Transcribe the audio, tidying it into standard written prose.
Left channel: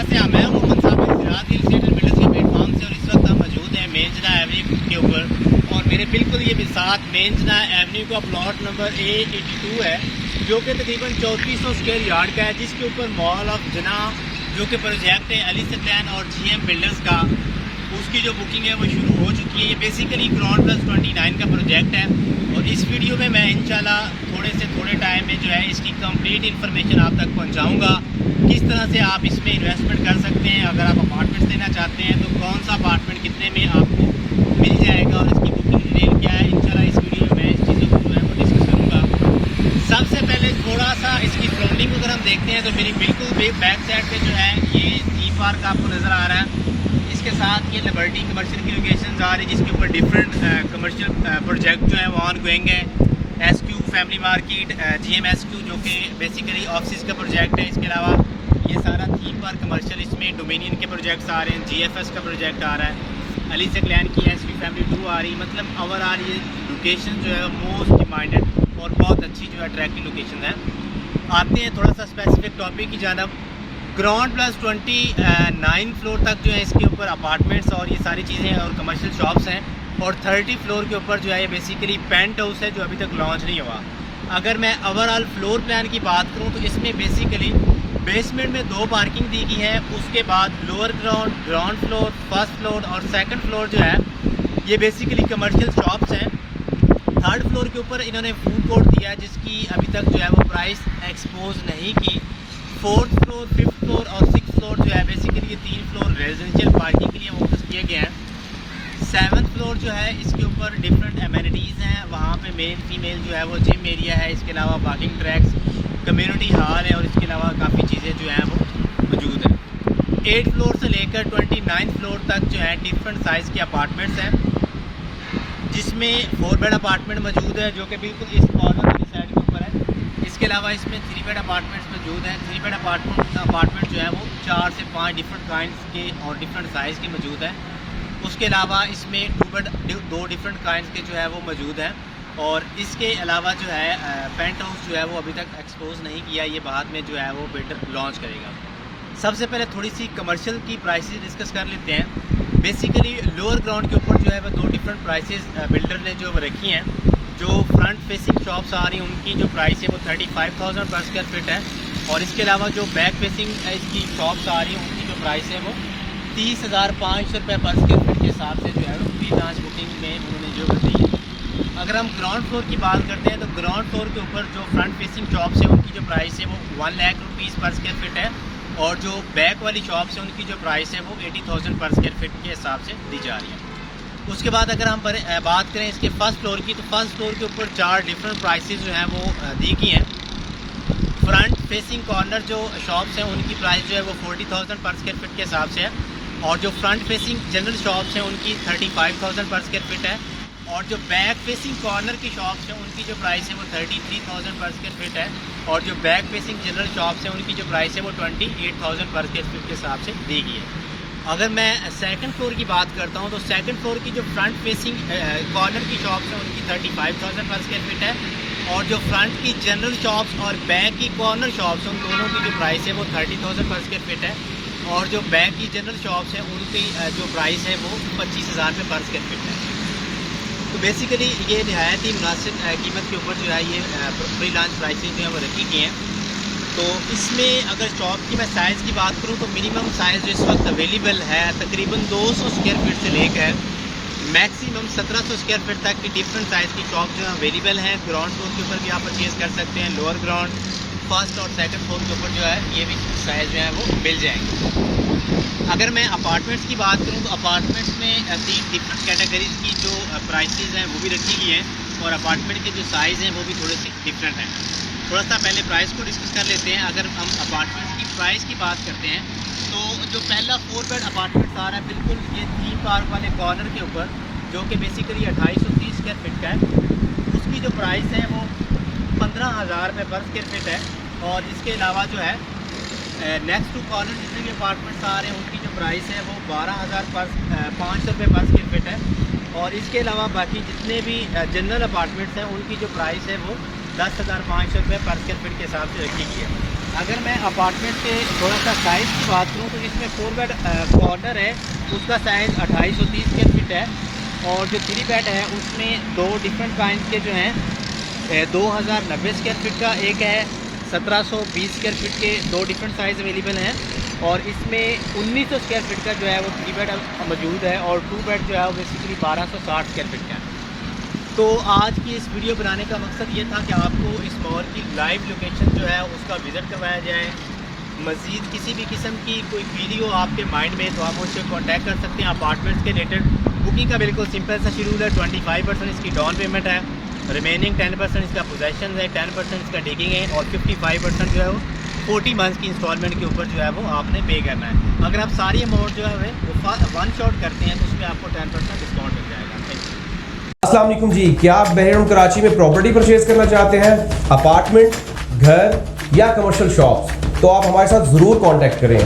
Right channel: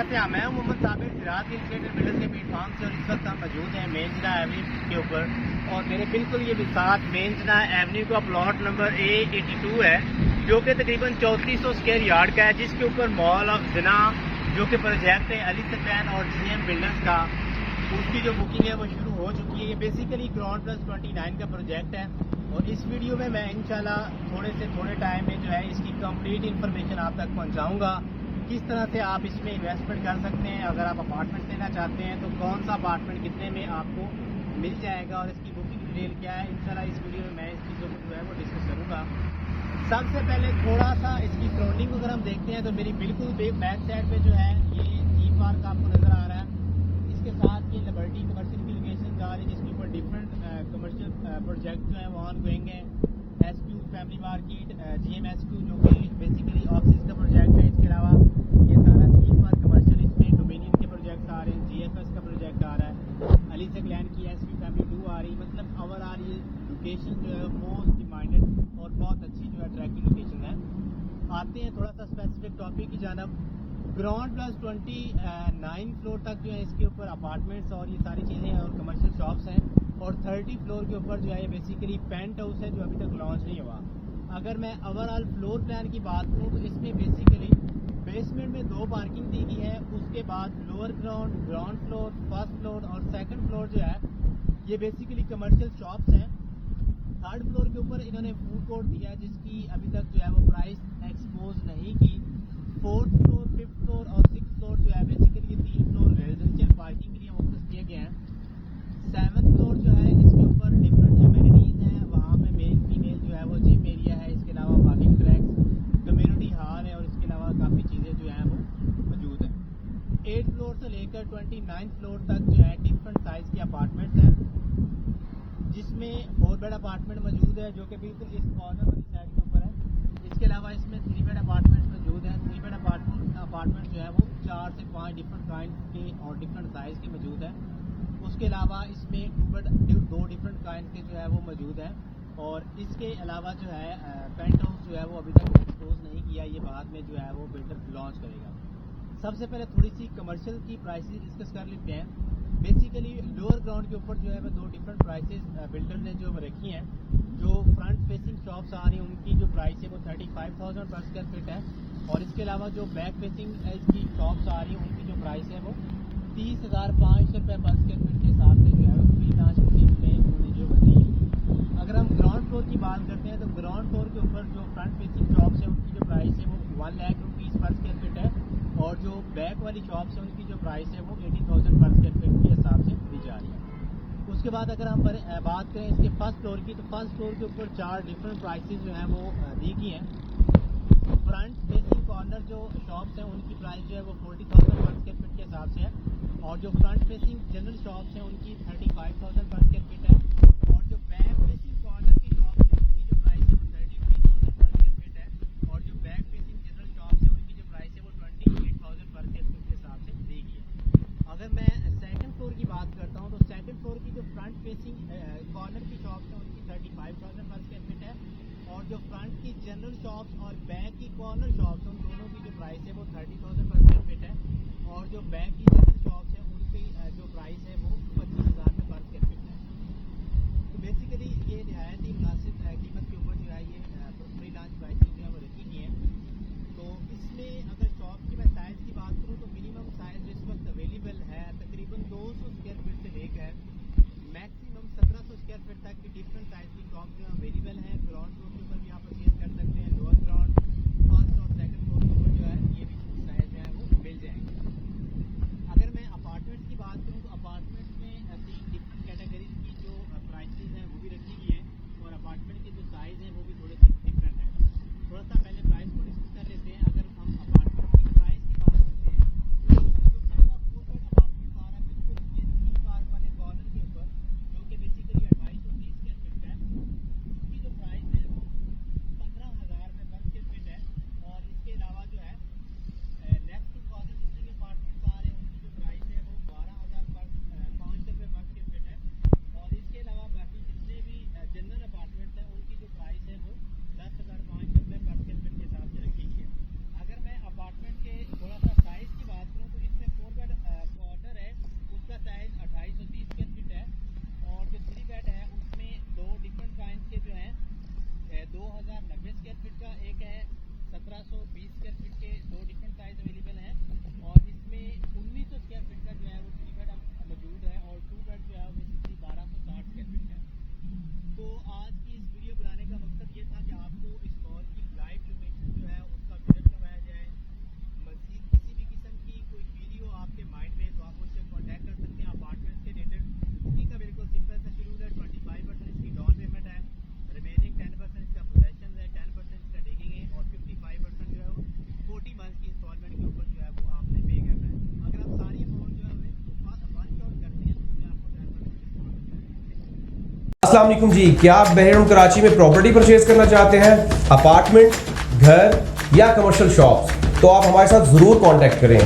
कैसे हैं? मैं मोहम्मद साबिर फिलहाल रियल एस्टेट एंड बिल्डर्स के प्लेटफॉर्म से और इस वक्त हम मौजूद हैं मेंजना एवेन्यू के ऊपर और मेरे बिल्कुल ये साथ मेंजना एवेन्यू का प्लॉट नंबर A82 है जो कि तकरीबन 3400 स्क्वायर यार्ड का है, जिसके ऊपर मॉल ऑफ जना जो कि प्रोजेक्ट है अली सैक्लेन और GM बिल्डर्स का, उसकी जो बुकिंग है वो शुरू हो चुकी है। ये बेसिकली ग्राउंड प्लस 29 का प्रोजेक्ट है और इस वीडियो में मैं इंशाल्लाह थोड़े टाइम में जो है इसकी कंप्लीट इन्फॉर्मेशन आप तक पहुंचाऊंगा। किस तरह से आप इसमें इन्वेस्टमेंट कर सकते हैं, अगर आप अपार्टमेंट्स लेना चाहते हैं तो कौन सा अपार्टमेंट कितने में आपको मिल जाएगा और इसकी बुकिंग डिटेल क्या है। इंशाल्लाह इस वीडियो में मैं इस चीज़ों को जो है वो डिस्कस करूँगा। सबसे पहले थोड़ा सा इसकी सराउंडिंग अगर हम देखते हैं तो मेरी बिल्कुल बैक साइड पर जो है ये थीम पार्क आपको नज़र आ रहा है। इसके साथ ये लिबर्टी कमर्शियल की लोकेशन आ रही है जिसके ऊपर डिफरेंट कमर्शियल प्रोजेक्ट जो है वो ऑन गोइंग है। SQ family market, GM SQ जो कि बेसिकली ऑफिस का प्रोजेक्ट है। इसके अलावा ये सारा थीम पार्क कमर्शियल, इसमें डोमिनियन के प्रोजेक्ट्स आ रहे हैं, GFS का प्रोजेक्ट आ रहा है, अली सैक्लेन की SQ फैमिली 2 आ रही है। मतलब ओवरऑल ये लोकेशन जो है मोस्ट डिमांडेड और बहुत अच्छी जो है अट्रैक्टिव लोकेशन है। आते हैं थोड़ा सा स्पेसिफिक टॉपिक की जानब। ग्राउंड प्लस 29 फ्लोर तक जो है इसके ऊपर अपार्टमेंट्स और ये सारी चीज़ें और कमर्शियल शॉप्स हैं और 30 फ्लोर के ऊपर जो है ये बेसिकली पेंट हाउस है जो अभी तक लॉन्च नहीं हुआ। अगर मैं ओवरऑल फ्लोर प्लान की बात करूं तो इसमें बेसिकली बेसमेंट में 2 पार्किंग दी गई है, उसके बाद lower ground floor, first floor और सेकंड फ्लोर जो है ये बेसिकली कमर्शियल शॉप्स हैं। थर्ड फ्लोर के ऊपर इन्होंने फूड कोर्ट दिया है जिसकी अभी तक जो है वो प्राइस एक्सपोज नहीं की। फोर्थ फ्लोर, फिफ्थ फ्लोर और सिक्स फ्लोर जो है बेसिकली ये 3 फ्लोर रेजिडेंशियल पार्किंग के लिए फोकस किए गए हैं। 7th फ्लोर जो है इसके ऊपर डिफरेंट एमिनिटीज़ हैं, वहाँ पे मेल फीमेल जो है वो जिम एरिया है, इसके अलावा पार्किंग ट्रैक्स, कम्युनिटी हॉल है और इसके अलावा काफ़ी चीज़ें जो हैं वो मौजूद हैं। 8 फ्लोर से लेकर 29 फ्लोर तक जो है डिफरेंट साइज़ के अपार्टमेंट्स हैं जिसमें 4 बेड अपार्टमेंट मौजूद है जो कि बिल्कुल इस कॉर्नर वाली साइड के ऊपर है। इसके अलावा इसमें 3 बेड अपार्टमेंट्स मौजूद हैं। 3 बेड अपार्टमेंट जो है वो 4 से 5 डिफरेंट काइंड्स के और डिफरेंट साइज़ के मौजूद हैं। उसके अलावा इसमें 2 डिफरेंट काइंड्स के जो है वो मौजूद हैं और इसके अलावा जो है पेंट हाउस जो है वो अभी तक एक्सपोज नहीं किया, ये बाद में जो है वो बिल्डर लॉन्च करेगा। सबसे पहले थोड़ी सी कमर्शियल की प्राइसेस डिस्कस कर लेते हैं। बेसिकली लोअर ग्राउंड के ऊपर जो है वो 2 डिफरेंट प्राइसेस बिल्डर ने जो रखी हैं। जो फ्रंट फेसिंग शॉप्स आ रही हैं उनकी जो प्राइस है वो 35,000 पर स्क्वायर फीट है और इसके अलावा जो बैक फेसिंग इसकी शॉप्स आ रही हैं उनकी जो प्राइस है वो 30,500 रुपये पर स्क्वायर फीट के हिसाब से जो है वो प्री लॉन्च बुकिंग में उन्होंने जो दी है। अगर हम ग्राउंड फ्लोर की बात करते हैं तो ग्राउंड फ्लोर के ऊपर जो फ्रंट फेसिंग शॉप्स हैं उनकी जो प्राइस है वो 1 लाख रुपीज़ पर स्क्वायर फीट है और जो बैक वाली शॉप्स हैं उनकी जो प्राइस है वो 80,000 पर स्क्वायर फीट के हिसाब से दी जा रही है। उसके बाद अगर हम बात करें इसके फर्स्ट फ्लोर की तो फर्स्ट फ्लोर के ऊपर 4 डिफरेंट प्राइसेस जो हैं वो दी गई हैं। फ्रंट फेसिंग कॉर्नर जो शॉप्स हैं उनकी प्राइस जो है वो 40,000 पर स्क्वायर फीट के हिसाब से है और जो फ्रंट फेसिंग जनरल शॉप्स हैं उनकी 35,000 पर स्क्वायर फीट है और जो बैक फेसिंग कॉर्नर की शॉप्स हैं उनकी जो प्राइस है वो 33,000 पर स्क्वायर फीट है और जो बैक फेसिंग जनरल शॉप्स हैं उनकी जो प्राइस है वो 28,000 पर स्क्वायर फीट के हिसाब से दी गई है। अगर मैं सेकंड फ्लोर की बात करता हूं तो सेकंड फ्लोर की जो फ्रंट फेसिंग कॉर्नर की शॉप्स हैं उनकी 35,000 पर स्क्वायर फीट है और जो फ्रंट की जनरल शॉप्स और बैक की कॉर्नर शॉप्स हैं उन दोनों की जो प्राइस है वो 30,000 पर स्क्वायर फीट है और जो बैक की जनरल शॉप्स हैं उनकी जो प्राइस है वो 25,000 रुपये पर स्क्वायर फीट है। तो बेसिकली ये नहायत ही मुनासिब कीमत के ऊपर जो है ये प्री लॉन्च प्राइसेस जो है वो रखी गई हैं। तो इसमें अगर शॉप की मैं साइज़ की बात करूं तो मिनिमम साइज़ जो इस वक्त अवेलेबल है तकरीबन 200 स्क्वायर फीट से लेकर मैक्सिमम 1700 स्क्वायर फीट तक की डिफरेंट साइज़ की शॉप जो है अवेलेबल हैं। ग्राउंड फ्लोर के ऊपर भी आप परचेज़ कर सकते हैं, लोअर ग्राउंड, फर्स्ट और सेकंड फ्लोर के ऊपर जो है ये भी साइज़ जो है वो मिल जाएंगे। अगर मैं अपार्टमेंट्स की बात करूँ तो अपार्टमेंट्स में 3 डिफरेंट कैटेगरीज की जो प्राइसेस हैं वो भी रखी गई हैं और अपार्टमेंट के जो साइज़ हैं वो भी थोड़े से डिफरेंट हैं। थोड़ा सा पहले प्राइस को डिस्कस कर लेते हैं। अगर हम अपार्टमेंट्स की प्राइस की बात करते हैं तो जो पहला 4 बेड अपार्टमेंट आ रहा है बिल्कुल ये थीम पार्क वाले कॉर्नर के ऊपर जो कि बेसिकली 2830 स्क्वायर फीट का है, उसकी जो प्राइस है वो 15,000 रुपये पर स्क्वायर फीट है और इसके अलावा जो है नेक्स्ट टू कॉर्नर जितने भी अपार्टमेंट्स आ रहे हैं उनकी जो प्राइस है वो 12,500 रुपये पर स्क्वायर फीट है और इसके अलावा बाकी जितने भी जनरल अपार्टमेंट्स हैं उनकी जो प्राइस है वो 10,500 रुपये पर स्क्वायर फीट के हिसाब से रखी गई है। अगर मैं अपार्टमेंट के थोड़ा सा साइज़ की बात करूँ तो इसमें 4 बेड कॉर्नर है, उसका साइज़ 2830 स्क्वायर फीट है। और जो 3 बेड है उसमें दो डिफरेंट काइंड के जो हैं 2090 स्क्वायर फीट का एक है, 1720 स्क्वायर फीट के दो डिफरेंट साइज़ अवेलेबल हैं। और इसमें 1900 स्क्वायर फीट का जो है वो 3 बेड मौजूद है और 2 बेड जो है वो बेसिकली 1260 स्क्वायर फीट का है। तो आज की इस वीडियो बनाने का मकसद ये था कि आपको इस मॉल की लाइव लोकेशन जो है उसका विज़िट करवाया जाए। मज़ीद किसी भी किस्म की कोई क्वेरी हो आपके माइंड में तो आप मुझसे कांटेक्ट कर सकते हैं। अपार्टमेंट्स के रिलेटेड बुकिंग का बिल्कुल सिंपल सा शेड्यूल है। 25% इसकी डाउन पेमेंट है, रिमेनिंग 10% इसका पोजेशन है, 10% इसका डिगिंग है और 55% जो है वो 40 मंथ्स की इंस्टॉलमेंट के ऊपर जो है वो आपने पे करना है। अगर आप सारी अमाउंट जो है वो वन शॉट करते हैं तो उसमें आपको 10% डिस्काउंट मिल जाएगा। Thank you. अस्सलाम वालेकुम जी, क्या आप बहरम कराची में प्रॉपर्टी परचेज करना चाहते हैं? अपार्टमेंट, घर या कमर्शियल शॉप्स? तो आप हमारे साथ ज़रूर कांटेक्ट करें।